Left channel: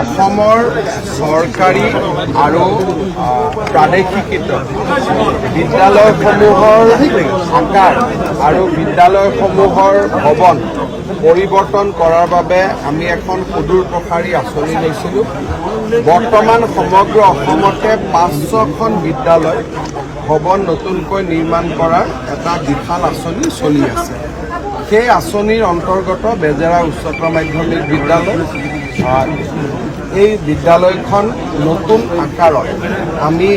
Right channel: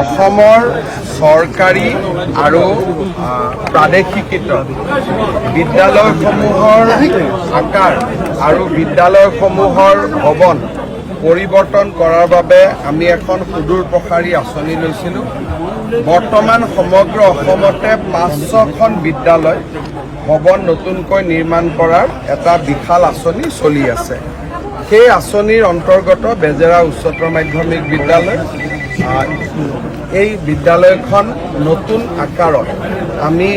অসমৰ চৰকাৰী আৰু প্ৰাদেশিকৃত বিদ্যালয়সমূহৰ আকাৰ আৰু বিদ্যালয়সমূহৰ ভৱন পৰিৱৰ্তন কৰাৰ বাবে আমি এখন সুদূৰ প্ৰসাৰী আঁচনি লৈছিলোঁ। বৰ্তমান সমগ্ৰ অসমতে 500খন বিদ্যালয় ভৱন নতুনকৈ নিৰ্মাণ কৰাৰ এটা বিশাল আঁচনি চলি আছে। সেই আঁচনিৰ অন্তৰ্গত বেজেৰা উচ্চতৰ মাধ্যমিক বিদ্যালয়, এই বিদ্যালয়খন নতুন আকাৰত আমি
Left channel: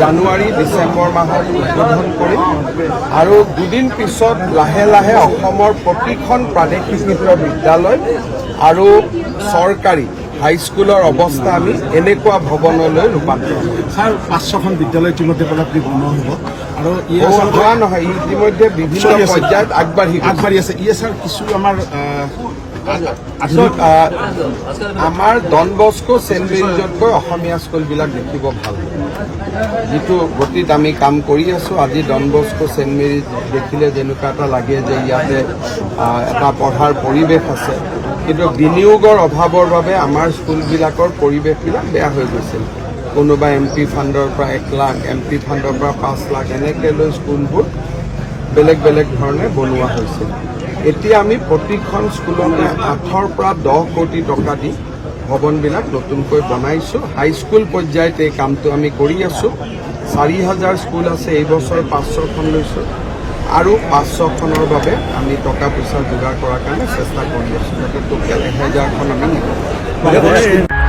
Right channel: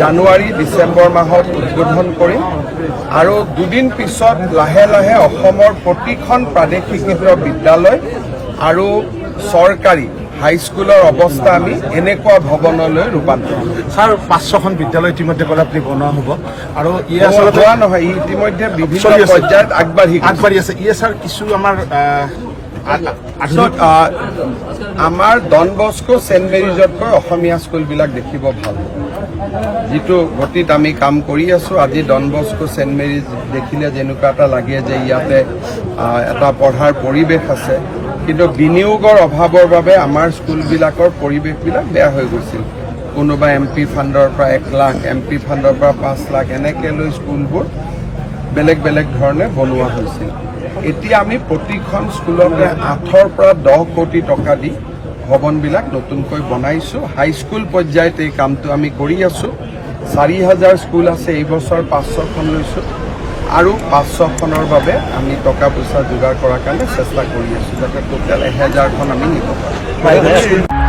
জানুৱাৰী ডিচেম্বৰ মাহত উদ্বোধন কৰিম আৰু দুদিন পিছত লাহে লাহে অসমৰ প্ৰতিখন প্ৰাদেশিকৃত বিদ্যালয় আৰু চৰকাৰী হাইস্কুলৰ অৱস্থা আমি এনেকুৱা ভৱনলৈ ৰূপান্তৰ কৰিম। ছাৰ, 500খন বিদ্যালয় ইতিমধ্যে আপুনি বনোৱা হ'ব আৰু হোৱা নহয়, ইতিমধ্যে বিভিন্ন পৰ্যায়ত আগবাঢ়ি আছে। ছাৰ, কিছু আমাৰ ডন বস্কো ছেইণ্ট মেৰিজতকৈ অসমীয়া স্কুলবিলাক দেখিব ভাল হ'ব। যিটো গতিত আমি কাম কৰি আছোঁ, আজি ডন বস্কো ছেইণ্ট মেৰিজ দেখিলে যেনেকুৱা এটা লাগে যে ইয়াতে এটা পঢ়াৰ পৰিৱেশ আছে, কিন্তু বিনিয়োগৰ অভাৱৰ বাবে আমাৰ স্কুলবিলাকৰ পৰিৱেশবিলাক বেয়া হৈ গৈছিল। কোনোবা MP ফাণ্ডৰ পৰা 1 লাখ, MP ফাণ্ডৰ পৰা 5 লাখ এনেকৈ লৈ স্কুলবোৰ বেলেগ বেলেগ ধৰণে বনোৱা হৈছিল। এতিয়া আমি প্ৰতিখন স্কুলতে 8ৰ পৰা 10 কোটি টকা দি ভৱনবিলাক নতুনকৈ বনাইছোঁ। হাইস্কুল পৰ্যায়ত এই কামটো আমি কৰি আছোঁ। 4000 স্কুল আছে, এই বছৰ 500খন লৈছোঁ আৰু 500খনৰ বাবে আমি টকা পইচা যোগাৰ কৰাৰ কাৰণে চেষ্টা কৰি আছোঁ, যাতে টোটেল 1000খন আমি নিব পাৰোঁ।